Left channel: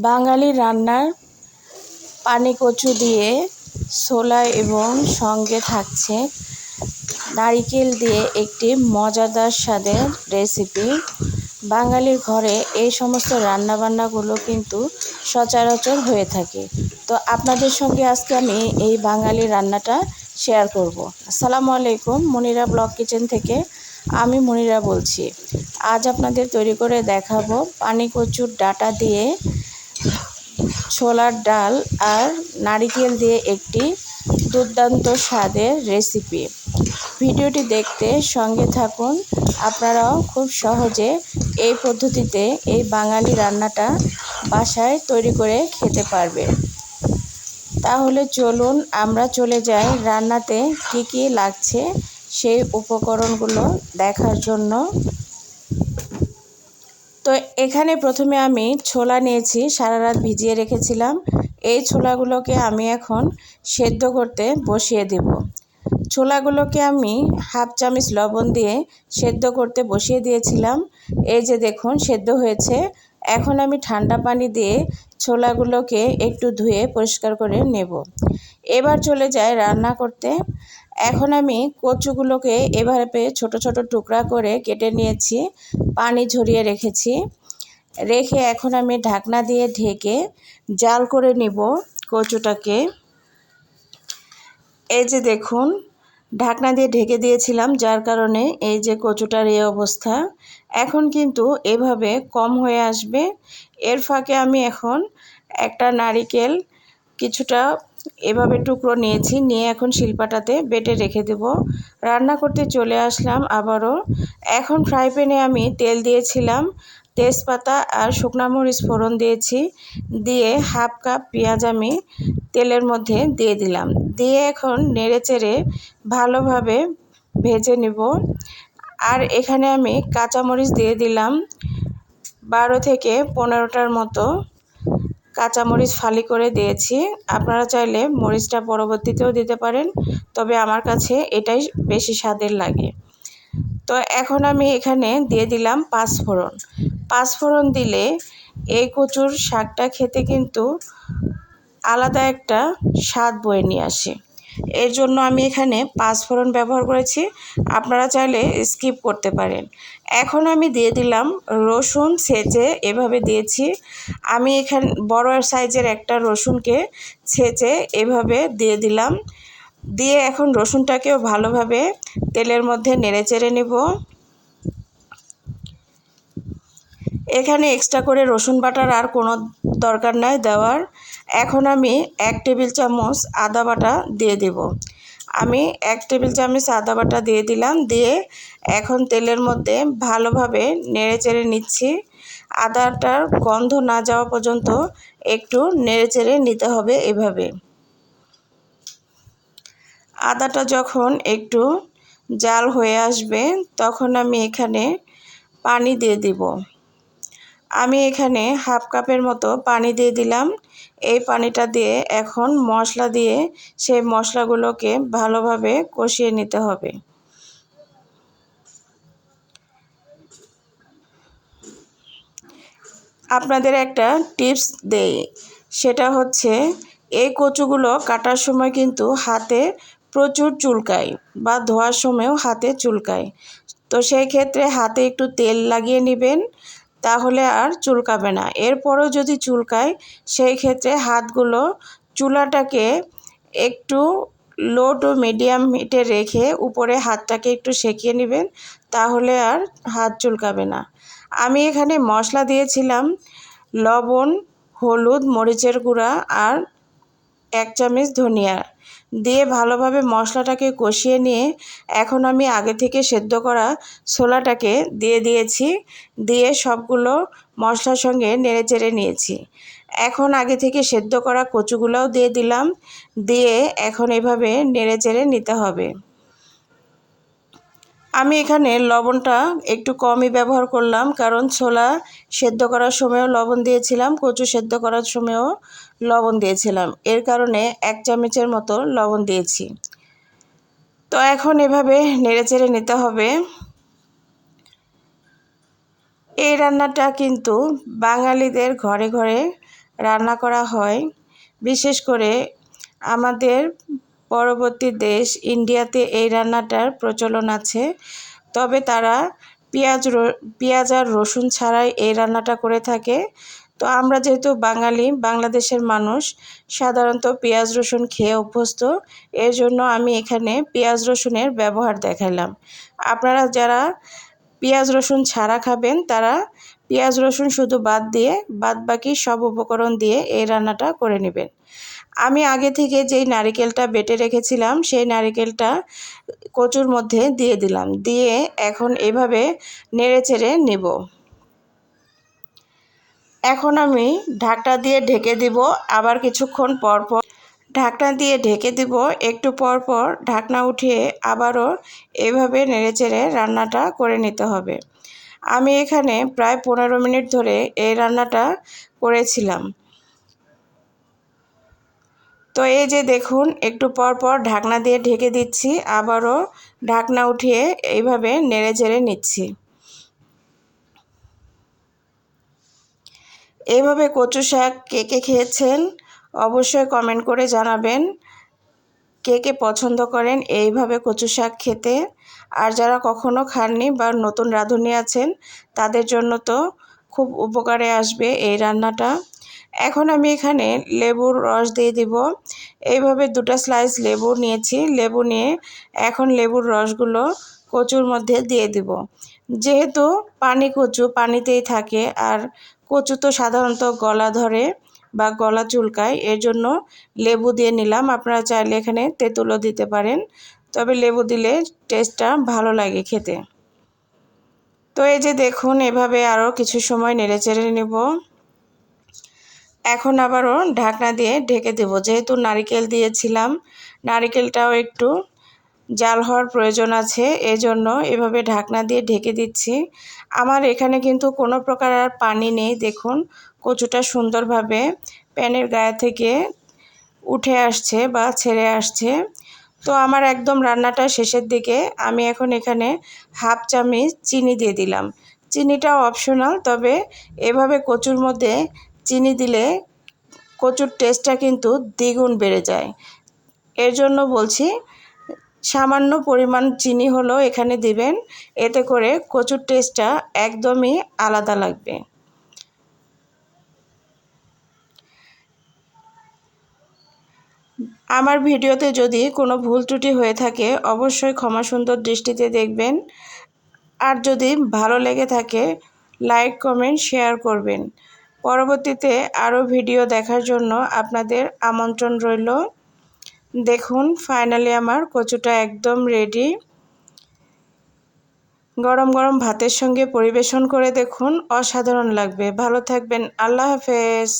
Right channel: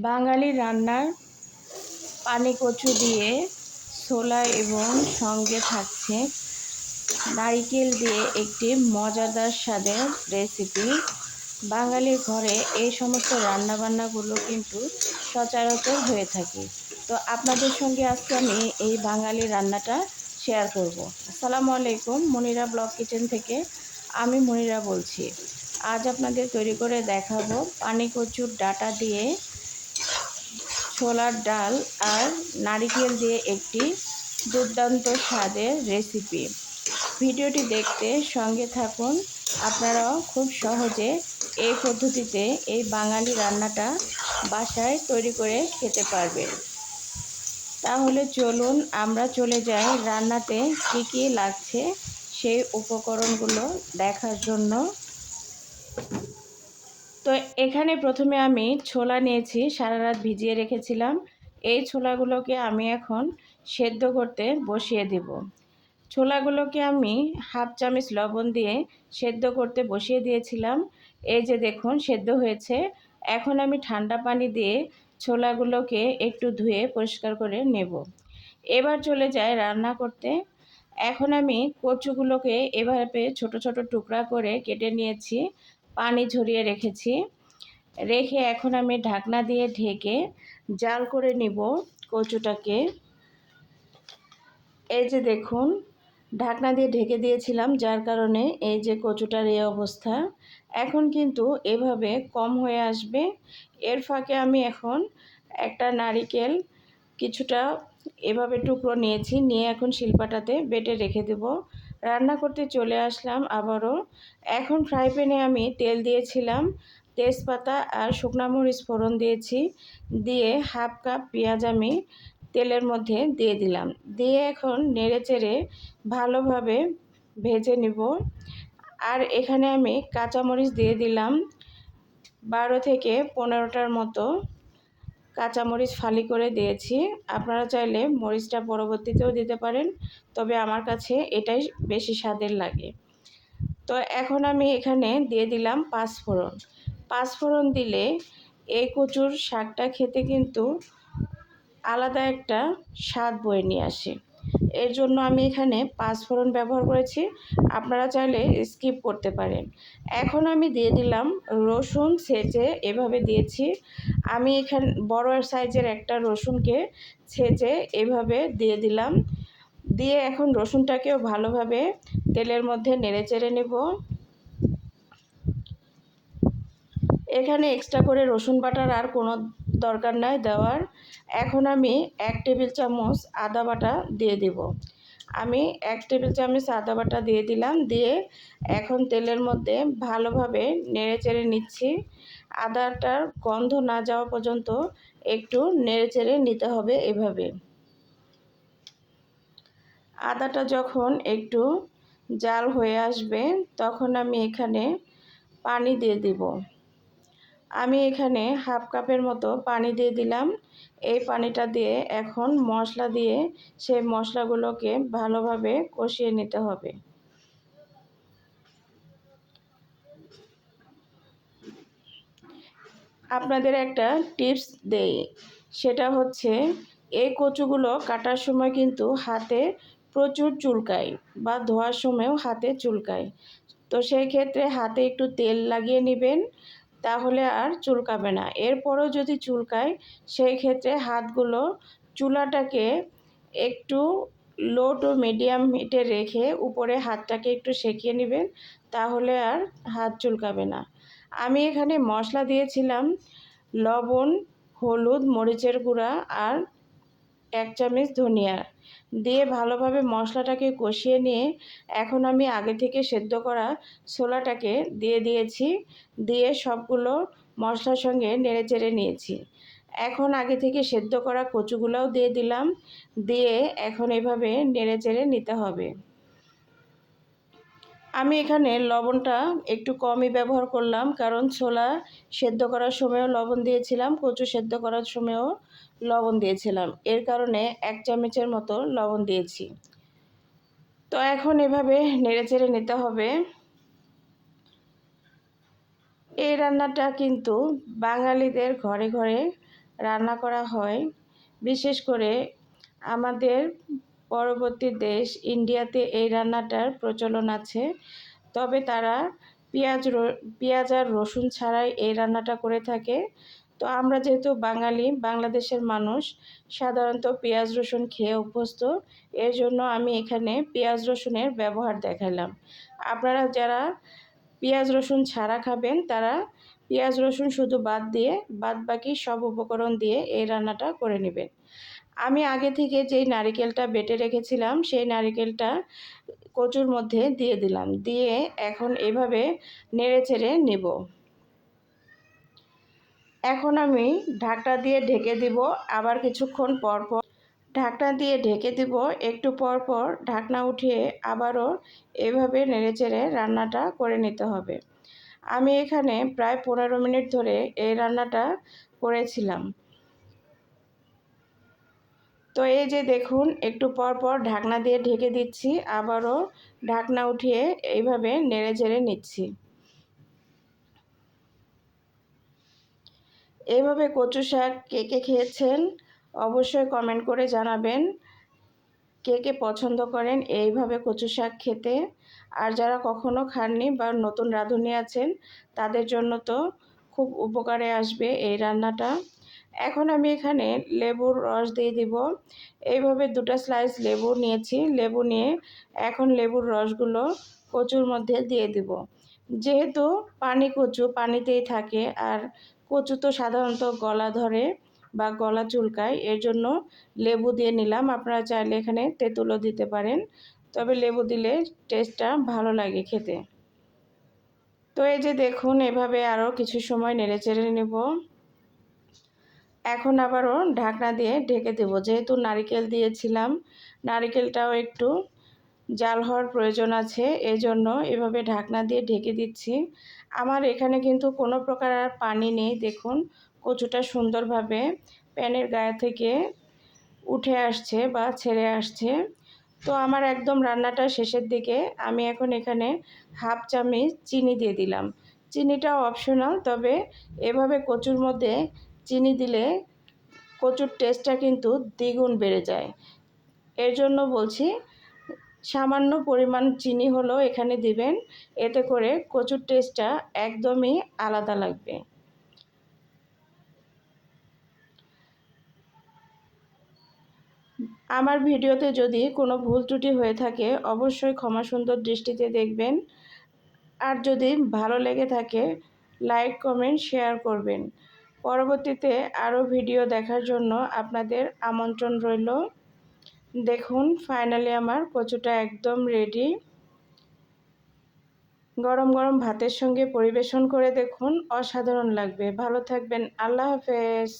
বাঙালি রান্নার পানি কচু দিয়ে ছোলা এবং সঙ্গে থাকছে নারিকেল দিয়ে একটি মজাদার স্বাদের রেসিপি। বাঙালির ঘরে এই সমস্ত রান্নাবান্নাগুলো কিন্তু সচরাচর হয়ে থাকে। তো আপনাদের সঙ্গে আজকে আমি এই বাঙালি রান্নাটা শেয়ার করব। আসসালামু আলাইকুম, মনিরা ব্লক কিচেন থেকে। আমি মনিরা বলছি। আজ আপনাদের তৈরি করে দেখাবো পানি কচুর ডাটা দিয়ে ছোলার ডাল আর নারিকেল দিয়ে একটি দুর্দান্ত স্বাদের রেসিপি। ভিডিওটি দেখতে সঙ্গে থাকুন। আপনারাও খুব সহজে এই পদ্ধতিতে এই বাঙালি রান্নাটা বাসায় তৈরি করে খেতে পারবে তাহলে চলুন আমরা চলে যাই রান্নাতে কি কি লাগছে সেই উপকরণগুলো দেখার জন্য। তো এখানে প্রথমে আমি ছোলা নিয়েছি, সারা রাত ভিজিয়ে রেখেছিলাম। এই ছোলাগুলোকে আমি এখন সেদ্ধ করতে বসিয়ে দেব। ছোলাগুলোকে আমি হাফ চামচ লবণ দিয়ে সেদ্ধ করতে বসিয়ে দিয়েছিলাম। এই যে দেখুন, সেদ্ধ হয়েছে। এখন আমি ঠান্ডা পানি দিয়ে ছোলাগুলোকে একটু ধুয়ে পরিষ্কার করে নেব। এবার চলে যায় রান্না করতে। এখন আমি কচুগুলোকে এভাবে ছোট ছোট টুকরা করে কেটে নিয়েছি, পানি ঝরিয়ে রেখেছি। রেখে এখন আমি ঢাকনা দিয়ে ঢেকে জাল করে নিব কচুটাকে। এই যে দেখুন, ঢাকনা দিয়ে ঢেকে দিয়েছিলাম, যার কারণে এই যে কচুটার এই অবস্থা। এখন কিন্তু এভাবে কম হয়ে আসবে। এর ফাঁকে আমি এখন একটা নারিকেল কিছুটা এভাবে টুকরো নিয়েছি, নিয়ে এখন শিল্পাটাতে বেটে রেখে দেব। রান্না করতে চলে আসলাম আবারও। এখন ফ্রাই প্যানে আমি তেল দিয়েছিলাম, তেজপাতা আর শুকনা মরিচ ফোড়ন দিয়েছি, দিয়ে হাফ কাপ পেঁয়াজ আমি তেলের মধ্যে দিয়ে দিলাম। দিয়ে এখন নেড়ে চেড়ে ভালোভাবে ভেজে নিব। আর এখানে আমি কাঁচামরিচ দিয়ে দিলাম, বারো থেকে পনেরোটার মতো। কাঁচামরিচ ফালি করে দিয়েছি। আপনারা চাইলে মরিচটা পরবর্তীতেও দিতে পারেন, তবে আমার কাছে এটাই বেশি স্বাদের লাগে। তো এখন আমি এখানে দিয়ে দিলাম পাঁচফোড়ন। পাঁচফোড়ন দিলে এই কচুর শাকটা খেতে কিন্তু আলাদা একটা স্বাদ বয়ে নিয়ে আসে। এর জন্য আমি এখানে পাঁচফোড়ন ব্যবহার করেছি। আপনারা চাইলে স্কিপ করতে পারেন। এখন আমি দিয়ে দিলাম রসুন ছেঁচে এভাবে দিয়েছি। আমি এখানে, বড় সাইজের একটা রসুনকে ছেঁচে এভাবে দিয়ে দিলাম। দিয়ে এখন রসুনটাকেও ভালোভাবে তেলের মধ্যে নেড়ে চেড়ে নেব। এখানে এক্সট্রা করে রসুন বাটার আর কোনো দরকার নাই দেওয়ার। এখন আমি এক টেবিল চামচ আদা বাটা দিয়ে দেব। আমি এক টেবিল চামচ আদা বাটা দিয়ে দিলাম, দিয়ে এখন তেলের মধ্যে ভালোভাবে নেড়ে চেড়ে নিচ্ছি। আদাটার গন্ধ না যাওয়া পর্যন্ত একটু নেড়ে চেড়ে নিতে হবে এভাবে। আদাটা যখন একটু জাল হয়ে আসবে, তখন আমি এখানে পানি দিয়ে দিব। আমি এখানে হাফ কাপের মতো পানি দিয়ে দিলাম। এই পানিটা দিয়ে এখন মশলা দিয়ে সেই মশলাগুলোকে ভালোভাবে কষিয়ে নিতে হবে। আপনাদের একটা টিপস দেই, সেটা হচ্ছে এই কচুগুলো কাটার সময় কিন্তু হাতে প্রচুর চুলকায় বা ধোয়ার সময়ও হাতে চুলকায়। তো সেই ক্ষেত্রে হাতে একটু তেল লাগিয়ে নেবেন তাহলে আর চুলকাবে না। এরপরও যদি চুলকায়, সেই ক্ষেত্রে হাতগুলো চুলাটাকে একটু লো টু মিডিয়াম হিটে রেখে উপরে হাতটাকে একটু সেঁকিয়ে নেবেন, তাহলে আর হাত চুলকাবে না। আমি এখানে মশলা দিয়েছিলাম, লবণ, হলুদ, মরিচের গুঁড়া আর এক চামচ ধনিয়া দিয়ে ভালোভাবে মশলাটাকে কষিয়ে নিয়ে এখন আমি আগে থেকে সেদ্ধ করা ছোলাটাকে দিয়ে দিয়েছি, দিয়ে সবগুলো মশলার সঙ্গে নেড়ে চেড়ে নিয়েছি। এখন আগে থেকে সেদ্ধ করা কচুগুলোও দিয়ে দিলাম, দিয়ে এখন এভাবে নেড়ে চেড়ে নিতে হবে। আমি এখানে লবণটা একটু কমই ব্যবহার করলাম, কারণ ছোলা সেদ্ধ করার সময়ও লবণ দিয়েছিলাম, কচু সেদ্ধ করার সময়ও লবণ দিয়েছিলাম। এর কারণে এক চামচের মতো লবণ দিয়েছি। তো এখন এভাবে নেড়েচেড়ে নিতে হবে। এই রান্নাটা কিন্তু বাঙালিদের ঘরে ঘরে রান্না করা হয়। বিশেষ করে আমাদের পরবর্তী দেশ ইন্ডিয়াতে এই রান্নাটার প্রচলন আছে। তবে তারা পেঁয়াজ পেঁয়াজ আর রসুন ছাড়াই এই রান্নাটা করে থাকে। তো আমরা যেহেতু বাঙালি, বাংলাদেশের মানুষ, সাধারণত পেঁয়াজ, রসুন খেয়ে অভ্যস্ত, এর জন্য আমি এখানে পেঁয়াজ, রসুনের ব্যবহার দেখাইলাম। আপনারা যারা পেঁয়াজ, রসুন ছাড়া খাবেন, তারা পেঁয়াজ, রসুন শুধু বাদ দিয়ে বাদ বাকি সব উপকরণ দিয়ে এই রান্নাটা করে নেবেন। আমি আগে থেকে যেই নারিকেলটা বেটে রেখেছিলাম, সেই নারিকেলটা কচুর মধ্যে দিয়ে দিলাম। দিয়ে এখন এভাবে নেড়ে চেড়ে নেব। এখন আমি ঢাকটা দিয়ে ঢেকে দিব। আবার কিছুক্ষণ পর পর ঢাকনা দিয়ে ঢেকে দিব। একটু পর পর ঢাকনা উঠিয়ে আবারও এভাবে নেড়েচেড়ে রান্নাটা করে নিতে হবে। আমি এখানে প্রায় পনেরো মিনিট ধরে এই রান্নাটা করেছিলাম। তো এই যে দেখুন, একটু পর পর ঢাকনা দিয়ে ঢেকে দিচ্ছি, আবারও ঢাকনা উঠিয়ে এইভাবে নেড়ে চেড়ে নিচ্ছি। এইভাবে কচু শাক কে কে খেয়েছেন অবশ্যই কমেন্ট করে জানাবেন, কে কে পছন্দ করেন এইভাবে কচু শাক খেতে। আর যারা কখনো খাননি বা নতুন রাঁধুনি আছেন, তাদের জন্য তো খুব উপকারে আসবে এই রান্নাটা। এখন আমি এখানে লেবুর রস দিয়ে দিব। এইভাবে দুটো স্লাইস লেবু নিয়েছি। লেবু নিয়ে এখন লেবুর রসগুলো কচুর মধ্যে দিয়ে দিব। যেহেতু পানি কচু পানিতেই থাকে আর কচু তো সাধারণত গলা ধরে বা গলা চুলকায়, এর জন্য লেবু দিয়ে নিলাম। আপনারা চাইলে এখানে তেঁতুলও দিতে পারেন। তবে লেবু দিলে টেস্টটা ভালো লাগে খেতে। তো এই যে দেখুন, এভাবে আরও কিছু সময় নেড়ে চেড়ে নেব। এখন আবারও ঢাকনা দিয়ে ঢেকে দেব। যেহেতু নারিকেল দিয়েছিলাম, নারিকেলটাও একটু জাল হওয়ার প্রয়োজন আছে, এজন্য এভাবে ঢাকনা দিয়ে ঢেকে দিচ্ছি। আমার এখানে কিন্তু কোনো প্রকার আর পানি নেই, দেখুন কচুটা সুন্দরভাবে প্যানের গায়ে থেকে উঠে আসছে বা ছেড়ে আসছে। তো আমার একদম রান্নাটা শেষের দিকে আমি এখন এখানে হাফ চামচ চিনি দিয়ে দিলাম। চিনিটাও অপশনাল তবে এভাবে কচুর মধ্যে চিনি দিলে কচুর টেস্টটা কিন্তু দ্বিগুণ বেড়ে যায়। এর জন্য বলছি, সামান্য পরিমাণ চিনি হলো এখানে দিবেন, এতে করে কচুর টেস্টটা একদমই আলাদা লাগবে। আমার ভিডিওতে যদি কোনো ভুল ত্রুটি হয়ে থাকে, অবশ্যই ক্ষমা সুন্দর দৃষ্টিতে দেখবেন। আর যদি ভালো লেগে থাকে, লাইক, কমেন্ট, শেয়ার করবেন। পরবর্তীতে আরও ভিডিও দেখার জন্য আপনাদের আমন্ত্রণ রইল। দেখুন, ফাইনালি আমার কচুটা একদম রেডি গরম গরম ভাতের সঙ্গে পরিবেশন করে দেখুন, অসাধারণ লাগবে। ভালো থাকবেন, আল্লাহ হাফেজ।